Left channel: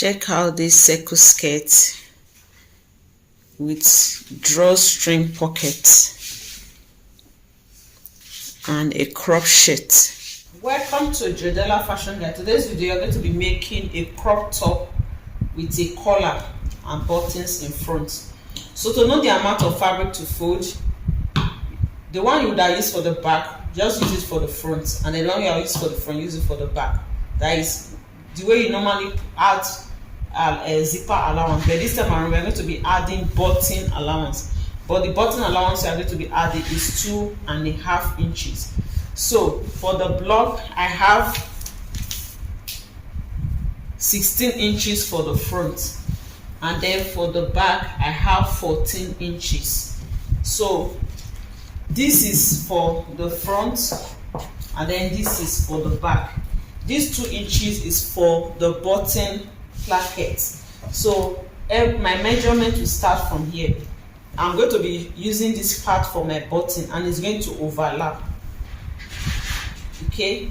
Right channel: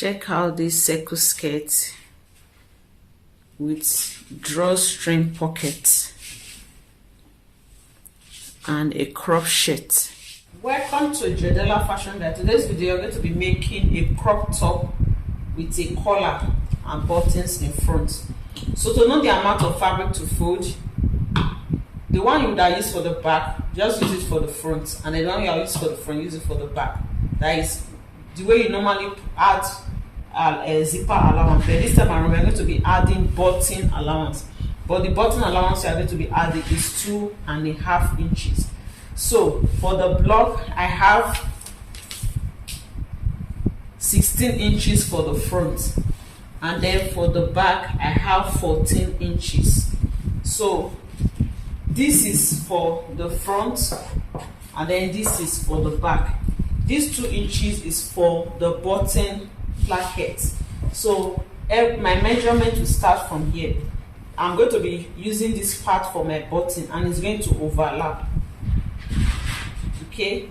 Check out this circle skirt with drawstring pocket and a crop shirt. Welcome to Joidala Fashion Guide. Today's video, you're going to be making a crop top with a collar and buttons in front. So to know the amount of fabric to fold, the one you would have used for the back, just use it for the front, and the one you have used for the front, use it for the back. That is the way you normally add a zipper allowance, but this time around we're going to be adding button allowance. But the button allowance we are going to be adding is 2.5 inches. So for the block, I have 16 inches for the front, and then for the back I have 14 inches. So this is for the front, and then this is for the back. This 2 inches is for the button placket. So my measurement will start from here. I'm going to be using this part for my button, and it's going to overlap. Okay,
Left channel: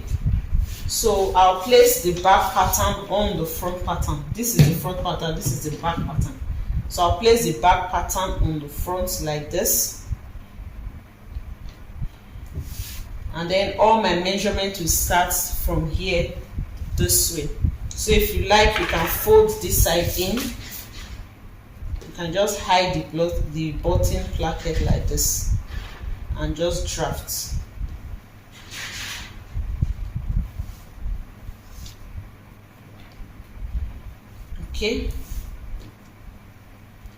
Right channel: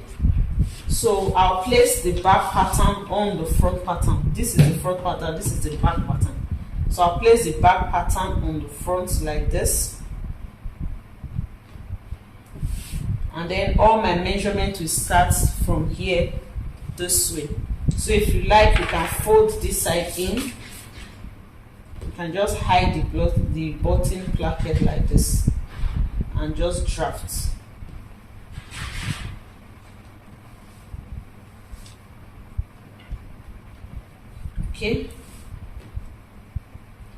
so I'll place the back pattern on the front pattern. This is the front pattern, this is the back pattern. So I'll place the back pattern on the front like this, and then all my measurement will start from here this way. So if you like, you can fold this side in. You can just hide the button placket like this and just draft. Okay,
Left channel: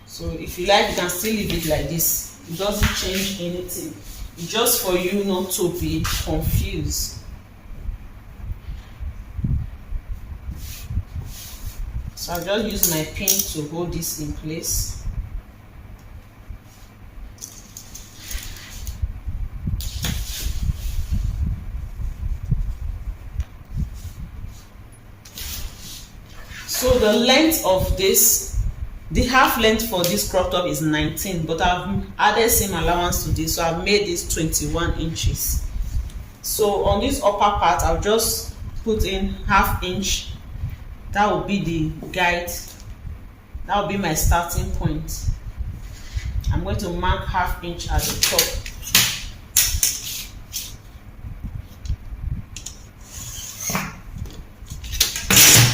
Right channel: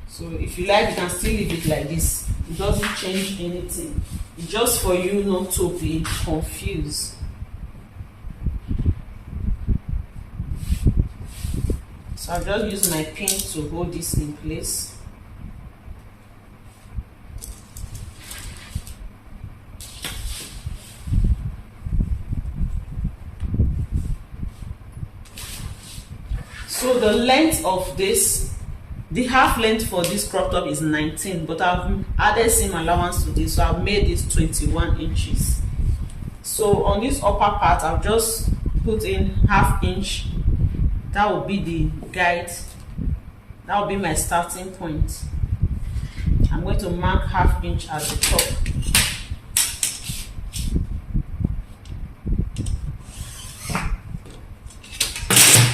so if you like, you can still leave it like this. It doesn't change anything. It's just for you not to be confused. So I'll just use my pin to hold this in place. So the length of this, the half length for this crop top is 19, but I've added seam allowance to this, so I've made this 21 inches. So on this upper part, I'll just put in ½ inch. That will be the guide. That will be my starting point. I'm going to mark ½ inch at the top.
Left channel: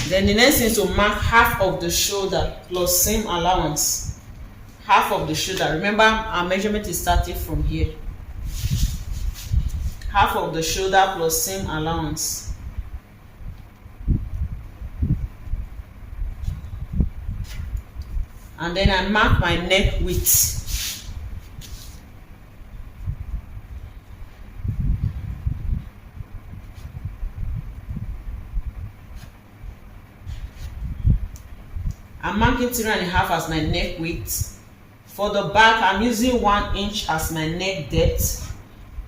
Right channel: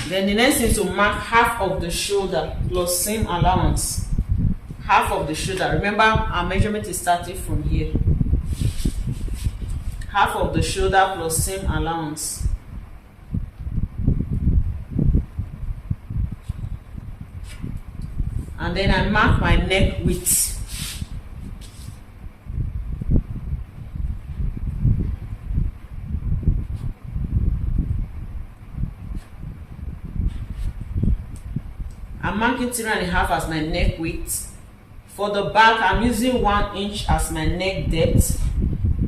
Then the next thing is to mark half of the shoulder plus seam allowance. Half of the shoulder. Remember, our measurement is starting from here. Half of the shoulder plus seam allowance. And then I mark my neck width. I'm marking 3.5 as my neck width. For the back, I'm using 1 inch as my neck depth.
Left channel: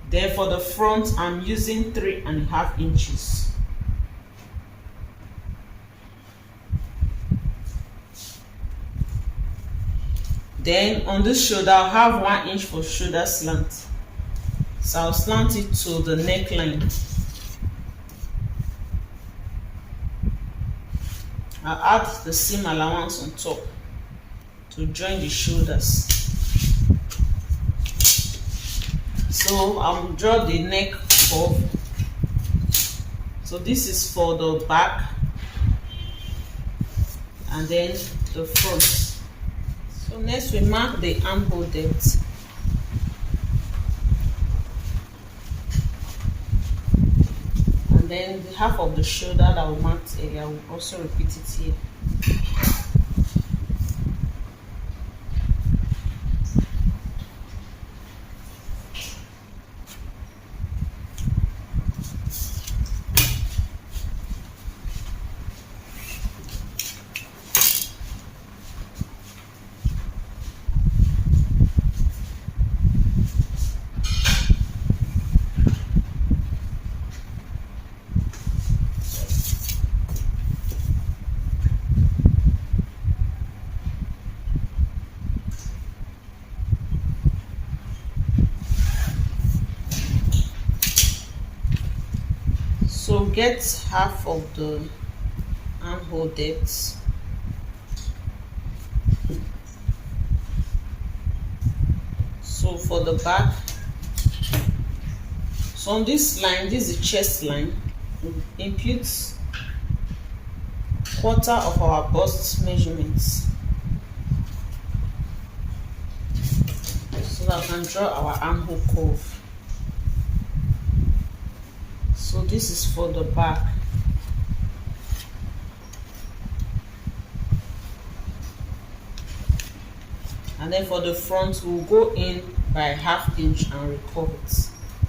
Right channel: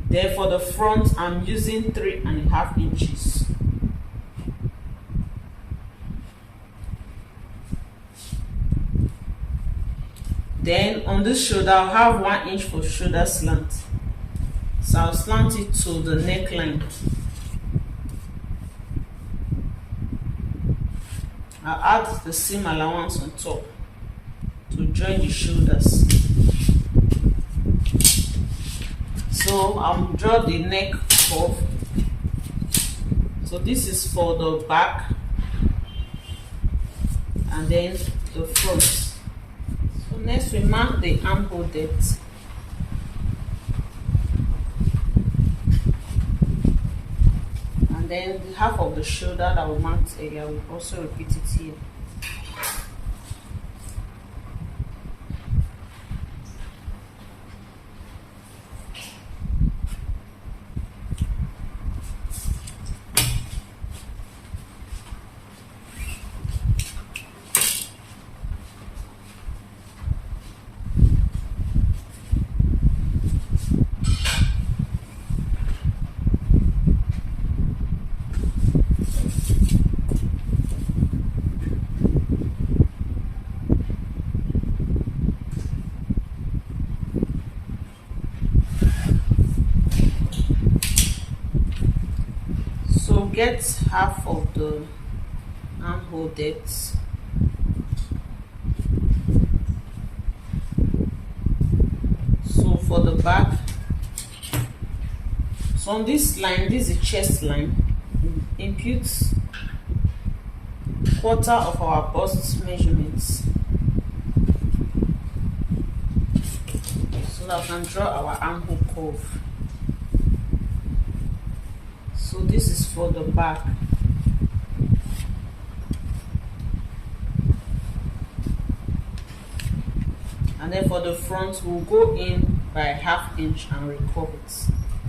Then for the front, I'm using 3.5 inches. Then on this shoulder, I'll have 1 inch for shoulder slant. So I'll slant it to the neckline. I'll add the seam allowance on top to join the shoulders. So I'll draw the neck curve. So this is for the back and then the front. So next we mark the armhole depth. And then the half of the shoulder that we marked earlier, we'll also repeat it here. So get half of the armhole depth for the back, so on this line, this is the chest line, we impute quarter of our bust measurements so that we can draw our armhole curve. So this is for the back. And then for the front, we'll go in by 1/2 inch and recurve it.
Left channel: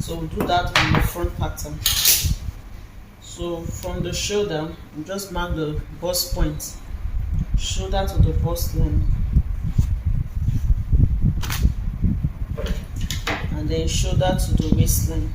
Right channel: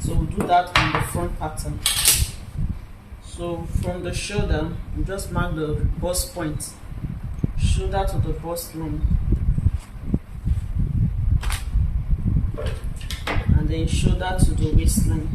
So we'll do that on the front pattern. So from the shoulder, we just mark the bust point, shoulder to the bust line, and then shoulder to the waistline.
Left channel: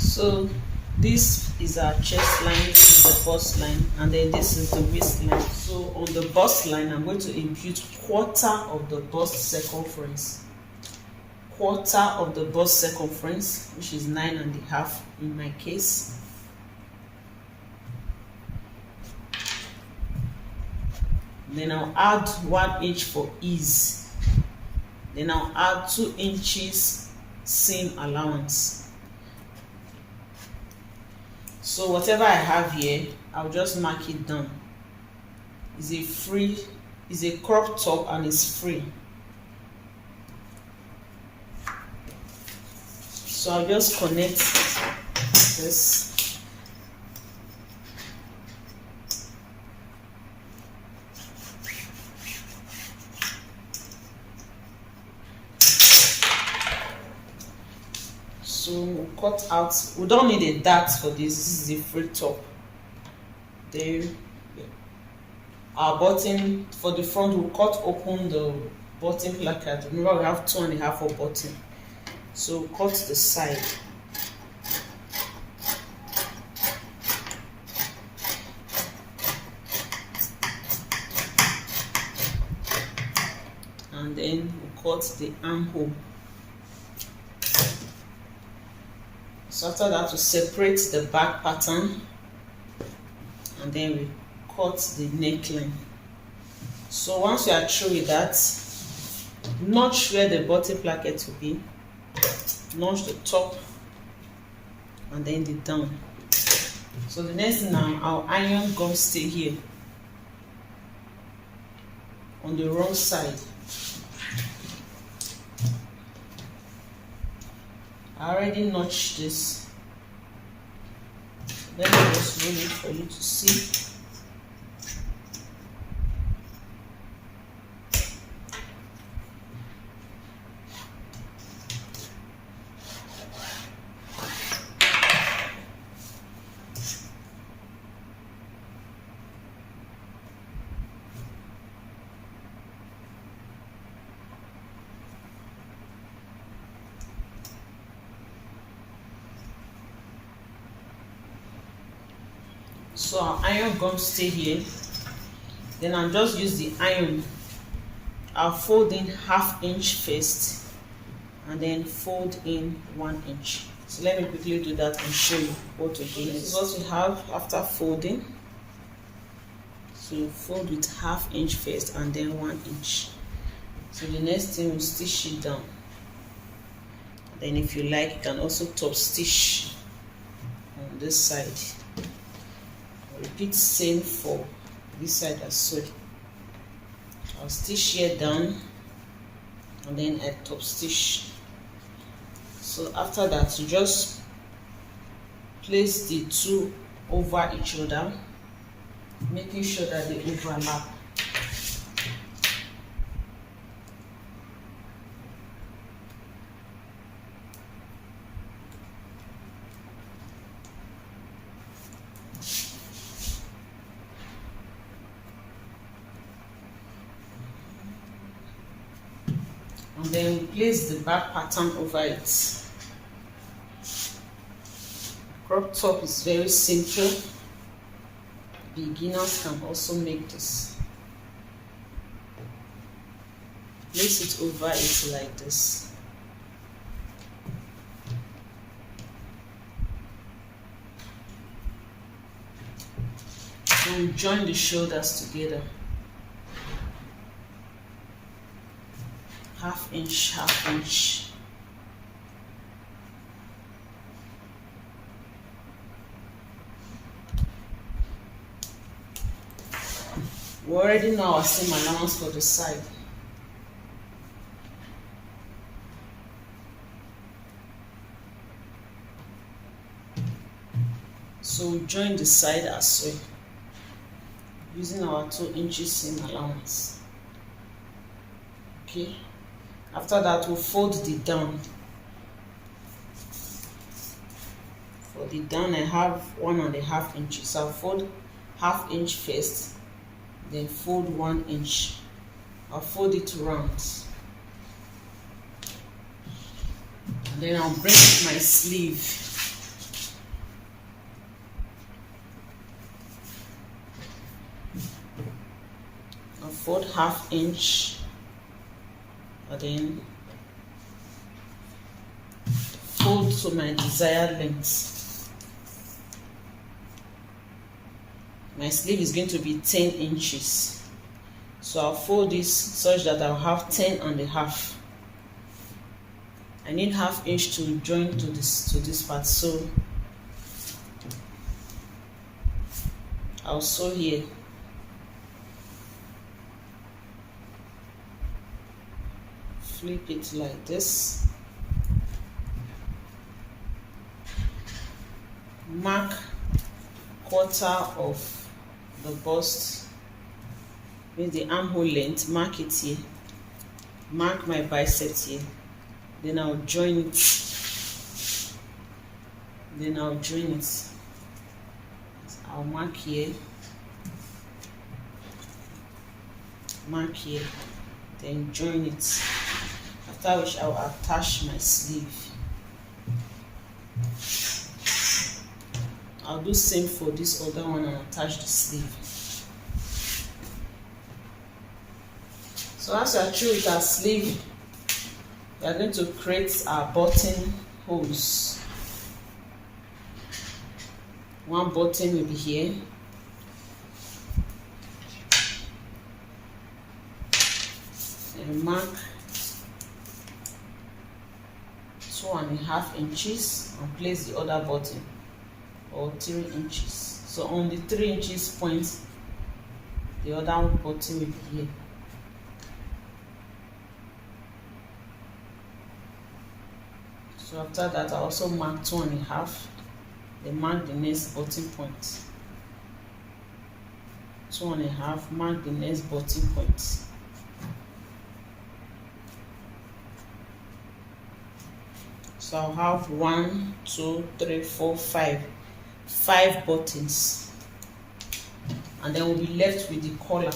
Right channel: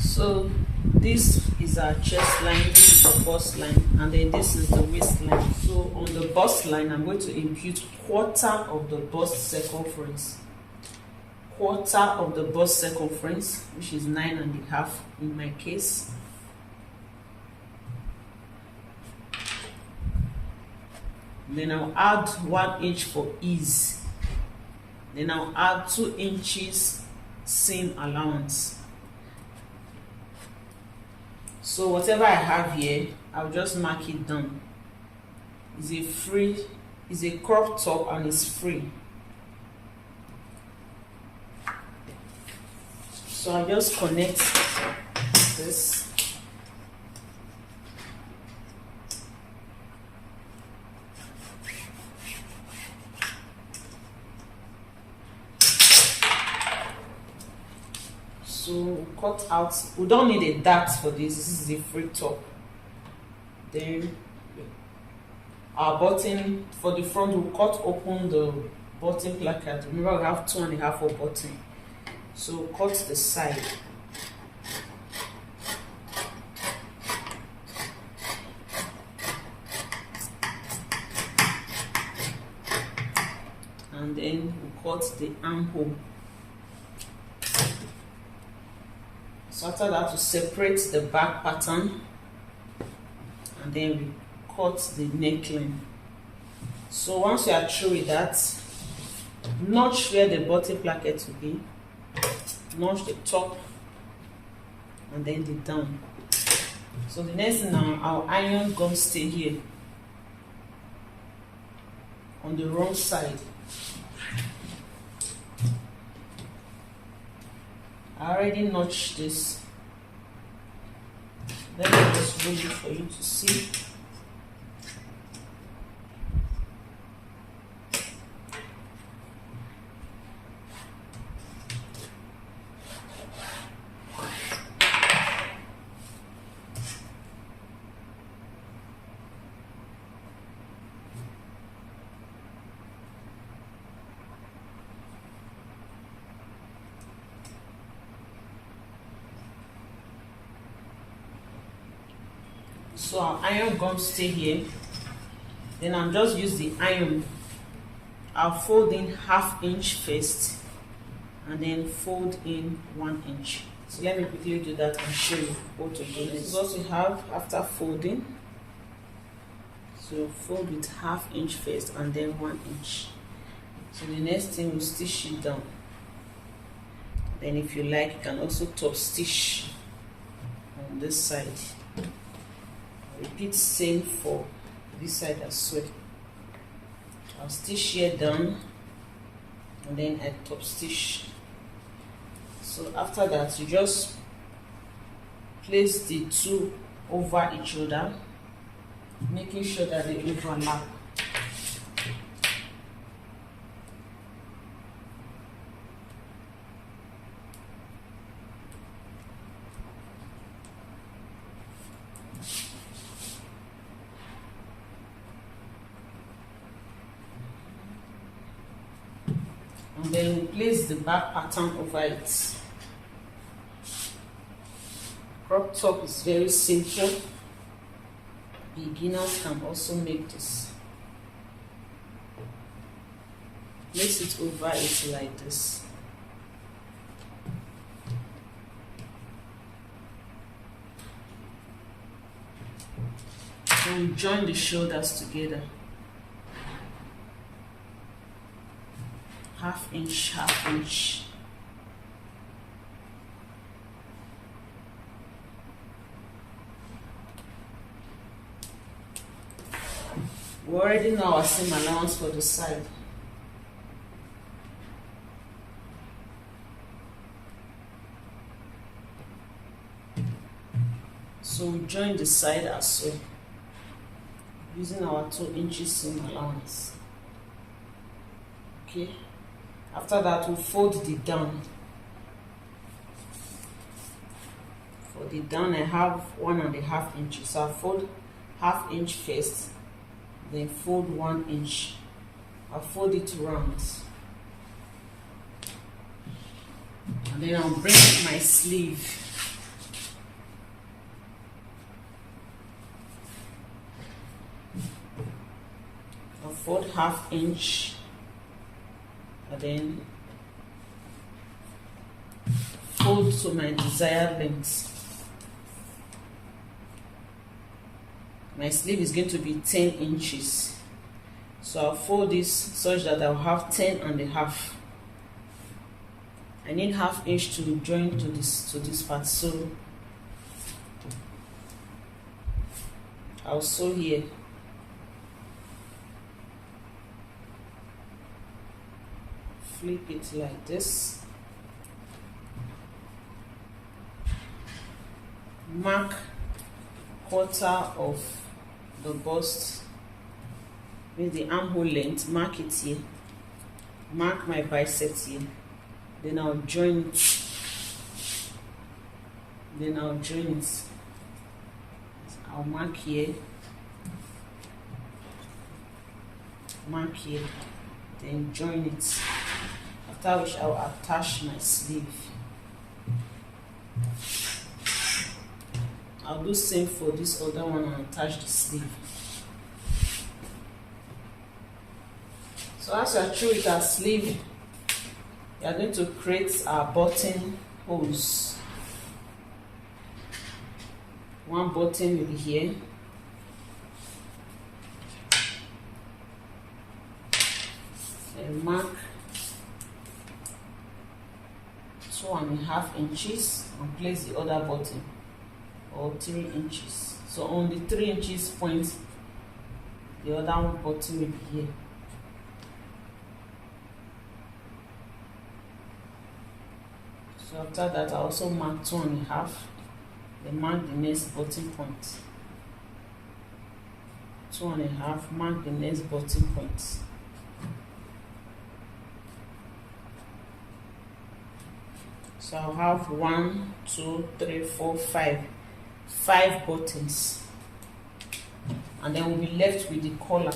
So this is our chest line, this is the bust line, and then this is the waistline. So on the bust line, I'm going to impute quarter of the bust circumference. Quarter of the bust circumference, which is 9.5 in my case. Then I'll add 1 inch for ease. Then I'll add 2 inches seam allowance. So whatever I have here, I'll just mark it down. It's a crop top and it's free. So I'll just connect this. So cut out, we don't need a dart for this, this is a free top. Then our button for the front, we'll cut open the button placard. Remember we have 2.5 for button, so cut the side. And then we'll cut the armhole. So after that, we separate the back pattern and then we cut the neckline. So once we are through with that, notch where the button placket will be, notch the top and then the down. So the next thing now, our iron gum stay here on the wrong side. I already notched this. Let me just roll it for you to see. So our iron gums stay here. Then I'll just use the iron. I'll fold in 1/2 inch first and then fold in 1 inch. So let me quickly do that and show you what to do. This is what we have after folding. So fold with 1/2 inch first and then 1 inch. So the next thing, we'll stitch it down. Then if you like, you can also top stitch on this side. Repeat same for this side as well. I'll stitch here down and then I top stitch. So after that, you just place the two over each other, making sure that they overlap. and then place the back pattern over it. Crop top is very simple. Beginners can also make this. Place it over it like this. And join the shoulders together. Half inch, half inch. We already know our seam allowance for the side. So join the side as well, using our 2 inches seam allowance. Okay. After that, we'll fold the down. For the down, I have 1.5 inches. So I'll fold half inch first, then fold 1 inch. I'll fold it round. And then I'll bring my sleeve. I'll fold half inch. And then fold to my desired length. My sleeve is going to be 10 inches. So I'll fold this such that I'll have 10.5. I need half inch to join to this part, so I'll sew here. Flip it like this. Mark quarter of the bust with the armhole length. Mark it here. Mark my bicep here. Then I'll join it. I'll mark here. Mark here. Then join it. After which I'll attach my sleeve. I'll do same for this other one and attach the sleeve. So as you are through with our sleeve, we are going to create our button holes. One button will be here. And mark 2.5 inches and place the other button, or 3 inches. So on the 3 inches point, the other button will be here. So after that, I also mark 2.5. Then mark the next button point. 2.5. Mark the next button point. So I'll have 1, 2, 3, 4, 5. 5 buttons, and then we'll be left with the collar.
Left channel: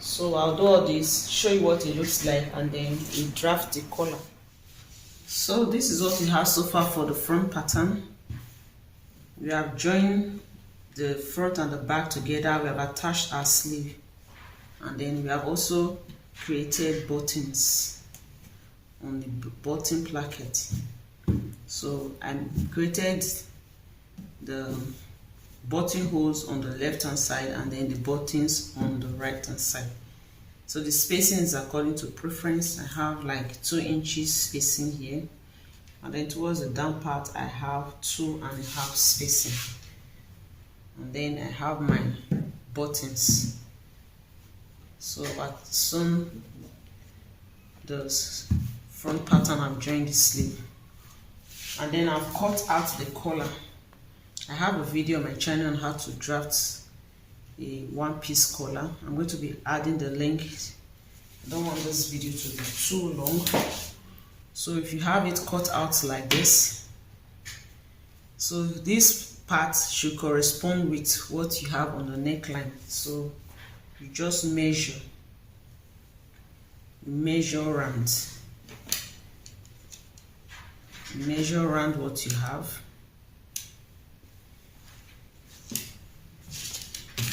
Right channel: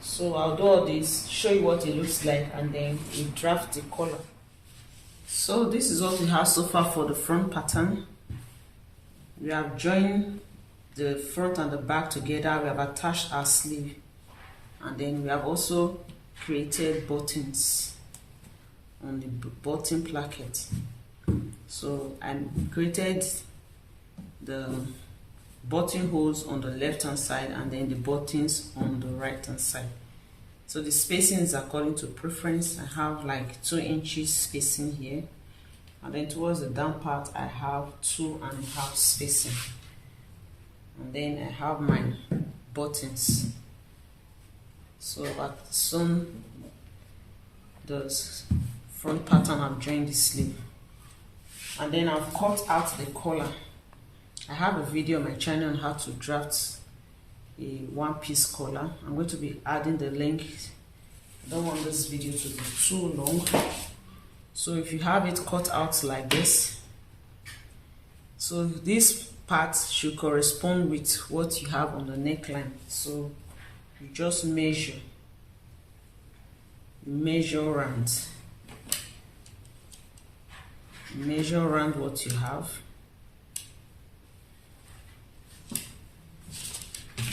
So I'll do all this, show you what it looks like, and then we draft the collar. So this is what we have so far for the front pattern. We have joined the front and the back together. We have attached our sleeve, and then we have also created buttons on the button placket. So I created the buttonholes on the left hand side and then the buttons on the right hand side. So the spacing is according to preference. I have like 2 inches spacing here, and then towards the down part I have 2.5 spacing, and then I have my buttons. So I've sewn the front pattern. I've joined the sleeve, and then I've cut out the collar. I have a video on my channel on how to draft a one-piece collar. I'm going to be adding the link. I don't want this video to be too long. So if you have it cut out like this, so this part should correspond with what you have on the neckline. So you just measure you measure round what you have.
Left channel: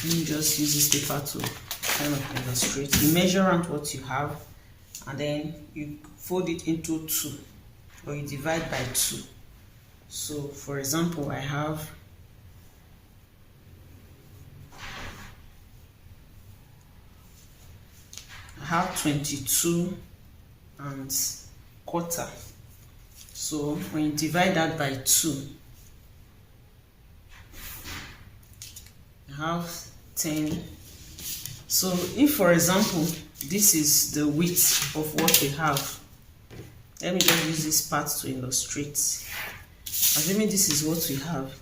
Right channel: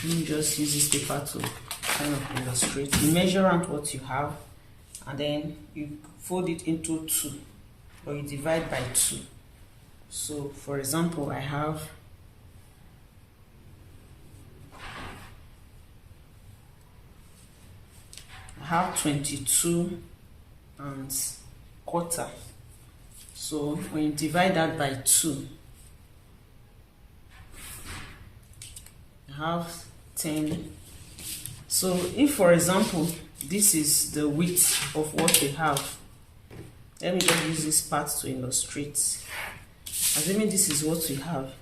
Let me just use this paper to kind of illustrate. You measure around what you have, and then you fold it into 2, or you divide by 2. So for example, I have 22 and quarter. So when you divide that by 2, I have 10. So if, for example, this is the width of what we have, let me just use this part to illustrate. Assuming this is what we have,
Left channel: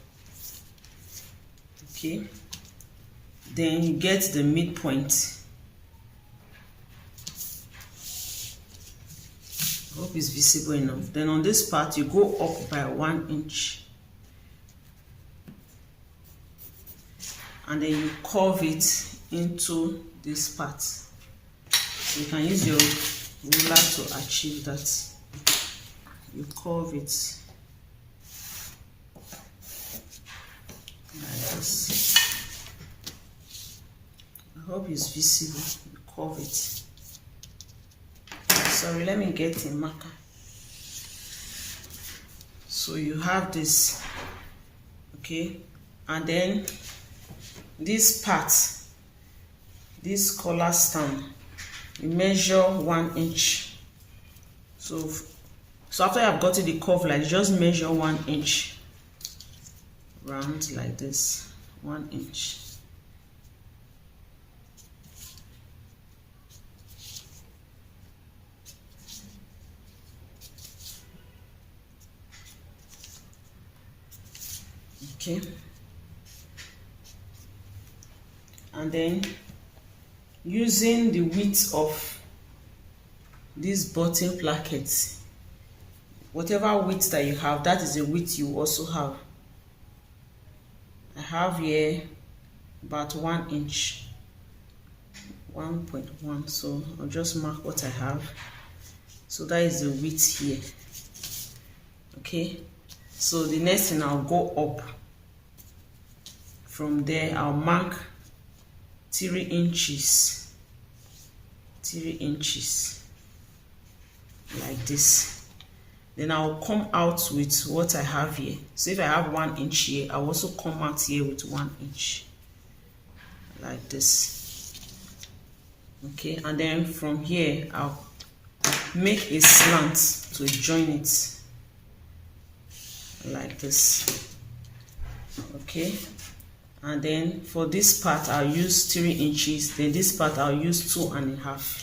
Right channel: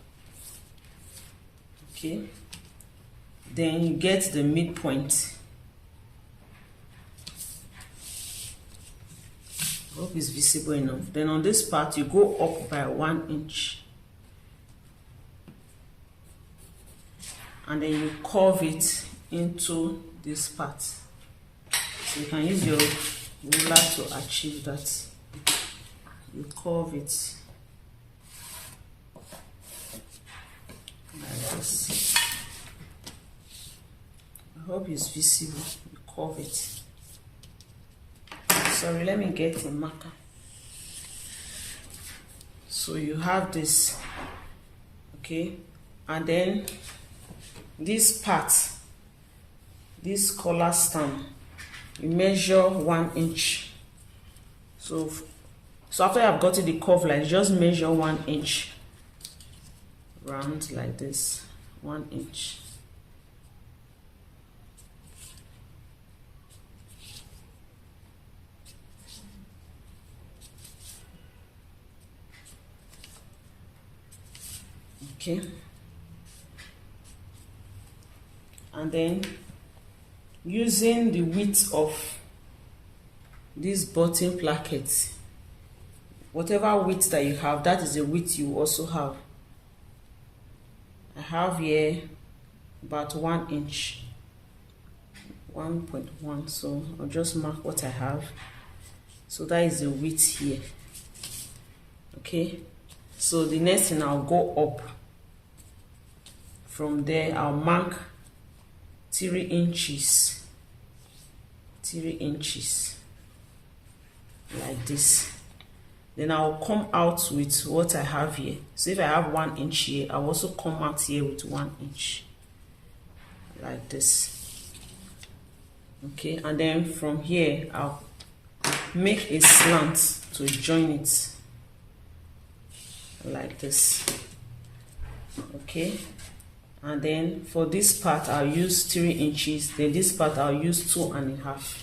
okay, then you get the midpoint. I hope it's visible enough. Then on this part, you go up by 1 inch. And then you curve it into this part. So you can use your ruler to achieve that. You curve it like this. I hope it's visible. You curve it. Sorry, let me get a marker. So you have this, okay, and then this part, this collar stand, you measure 1 inch. So after I've gotten the curve line, just measure 1 inch round like this, 1 inch. Okay, and then using the width of these button plackets, whatever width that you have, that is the width you also have. I have here about 1 inch, 1.1, so I'll just mark what I have. So that is the width here. Okay, so the next thing, I'll go up. From there, I'll mark 3 inches, 3 inches, like this. Then I'll come out with what I have here. So if I have 1 inch here, I'll also come out here with 1 inch, like this. Okay, and then from here, I'll make a slant to join it, like this. Okay. And then for this part, I'll use 3 inches. Then this part, I'll use 2.5.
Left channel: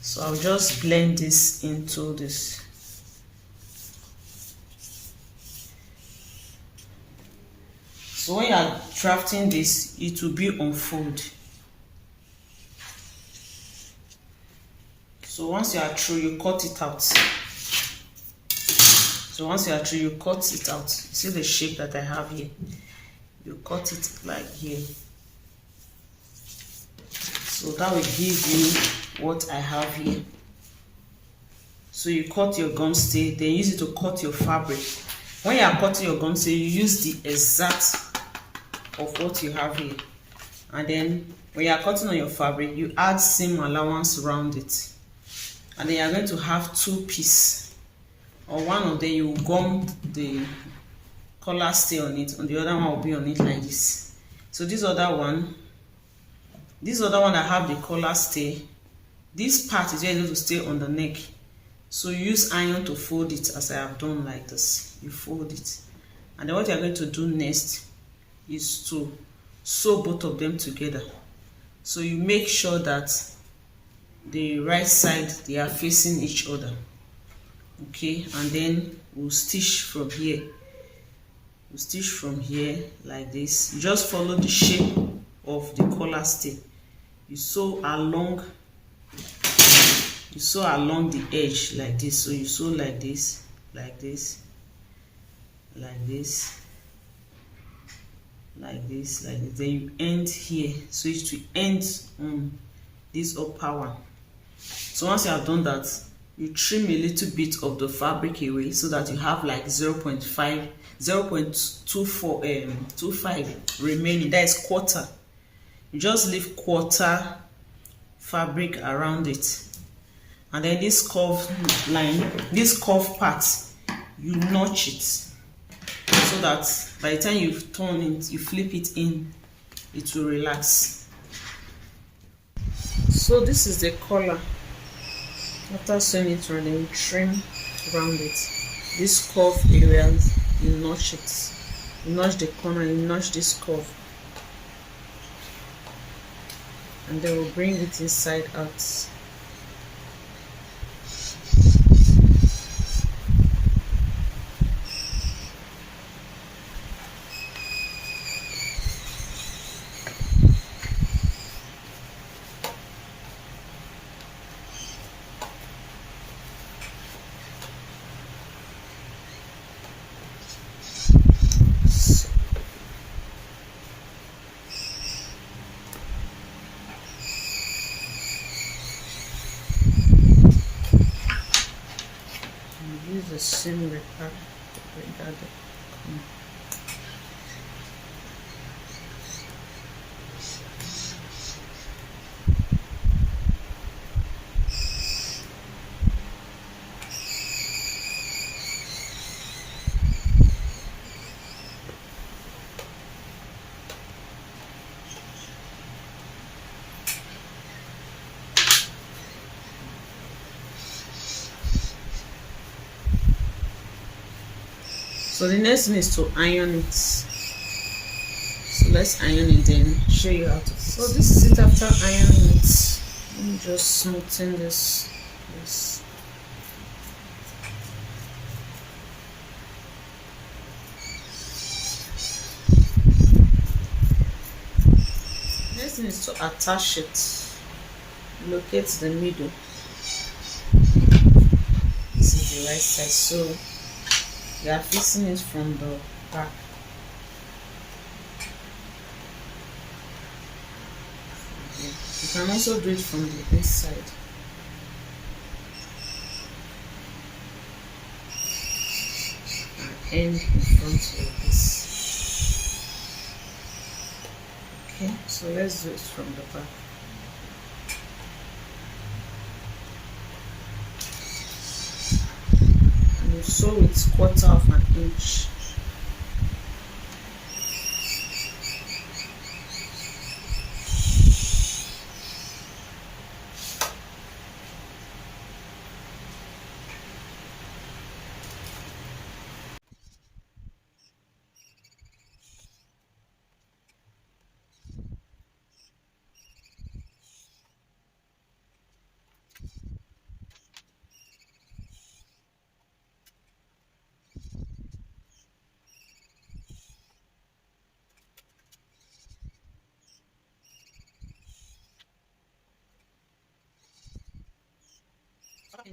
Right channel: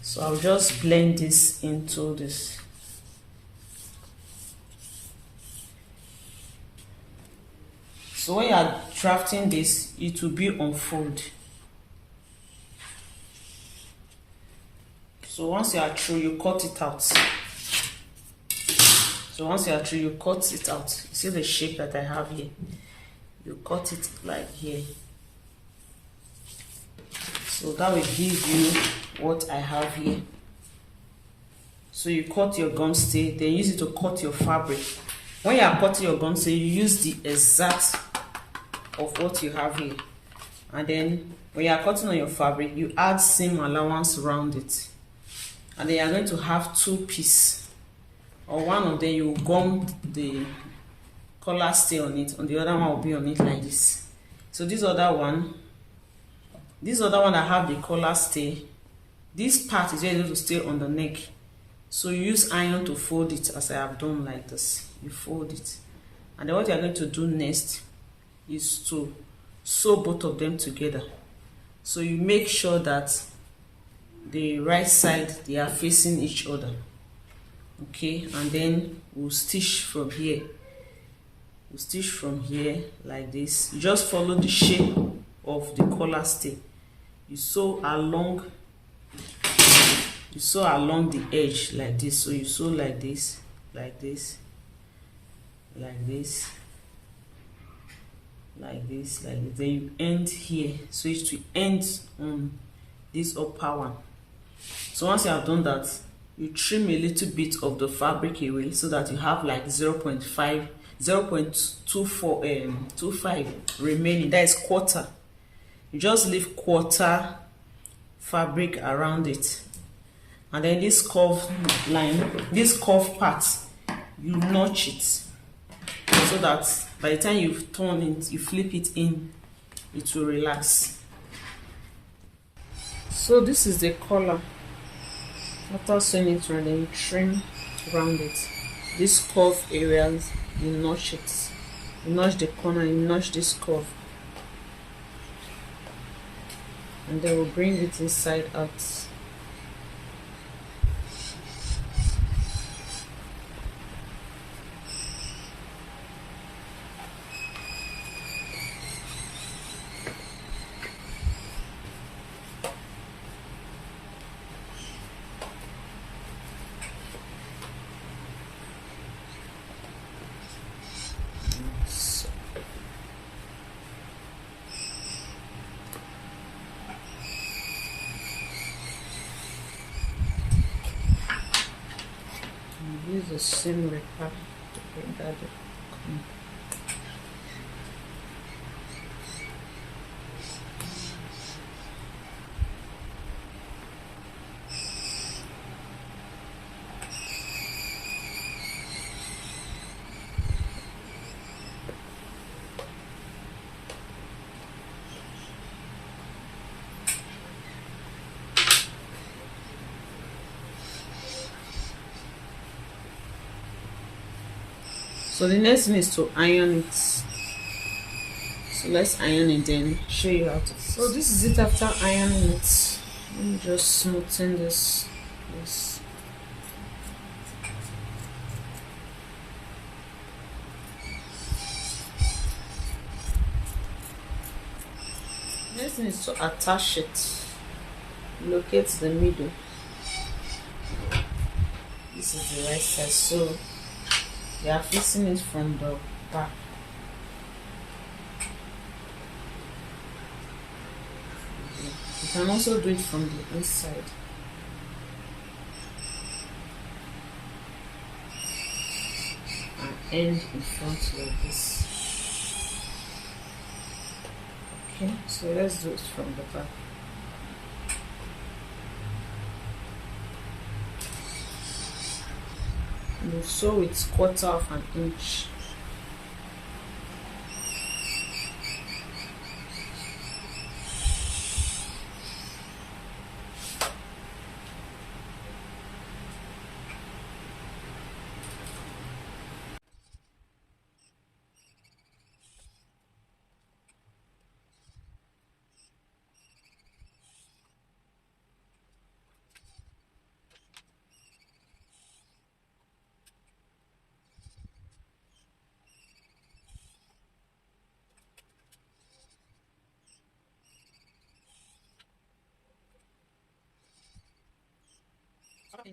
So I'll just blend this into this. So when you're drafting this, it will be on fold. So once you are through, you cut it out. So once you are through, you cut it out. You see the shape that I have here? You cut it like here. So that will give you what I have here. So you cut your gum stay, then use it to cut your fabric. When you are cutting your gum stay, you use the exact of what you have here. And then when you are cutting on your fabric, you add seam allowance around it. And then you are going to have 2 pieces. Or one of them, you gum the collar stay on it, and the other one will be on it like this. So this other one I have the collar stay. This part is where it's going to stay on the neck. So you use iron to fold it, as I have done like this. You fold it. And then what you're going to do next is to sew both of them together. So you make sure that the right side, they are facing each other. Okay, and then we'll stitch from here. We'll stitch from here like this. Just follow the shape of the collar stay. You sew along the edge like this. So you sew like this, like this, like this, like this, then you end here, so it will end on this upper one. So once you have done that, you trim a little bit of the fabric away so that you have like 0.5 0.25 remaining. That is quarter. You just leave quarter fabric around it, and then this curve line, this curve part, you notch it so that by the time you turn it, you flip it in, it will relax. So this is the collar. After sewing it around, then you trim around it. This curve areas, you notch it. You notch the corner, you notch this curve, and then we'll bring it inside out. Use the same wrapper to bring out the corner. So the next thing is to iron it. So let's iron it, then show you how to. So this is it after ironing it. Let me just smoothen this. Yes. Next thing is to attach it. Locate the middle. This is the right side. So we are fixing it from the back. You can also do it from the inside. And end in front like this. Okay, so let's do it from the back. And you sew it 1/4 of an inch.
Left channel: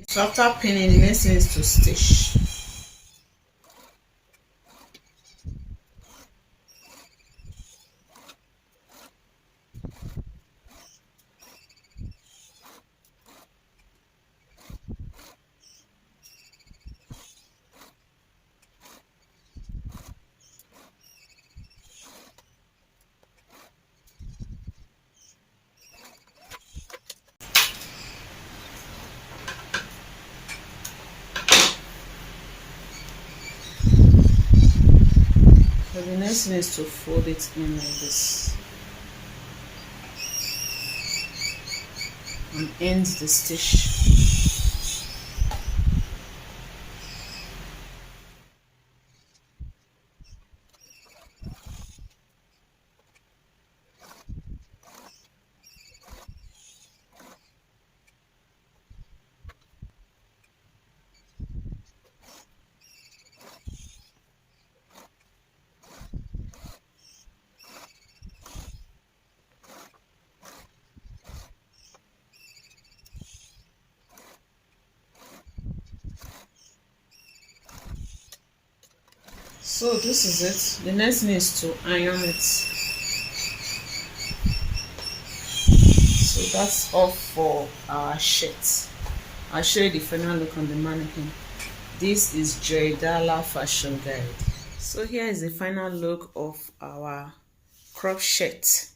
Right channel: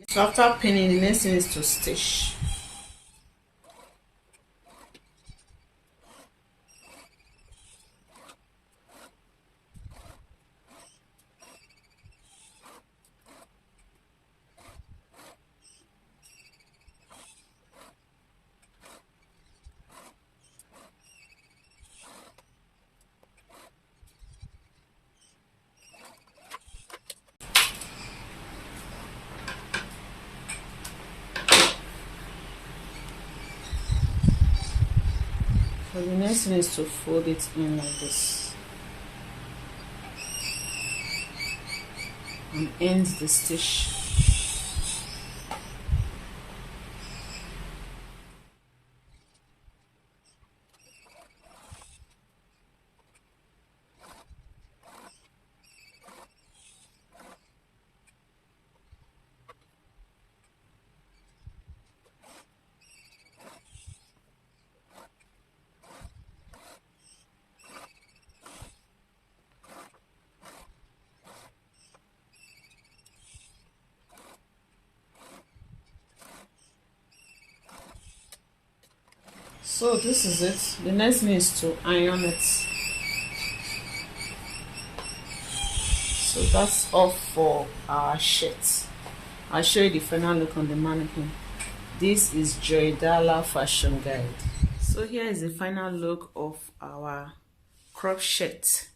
So after pinning, the next thing is to stitch. So the next thing is to fold it in like this and end the stitch. So this is it. The next thing is to iron it. So that's all for our shirt. I'll show you the final look on the mannequin. This is Joidala fashion guide. So here is the final look of our crop shirt.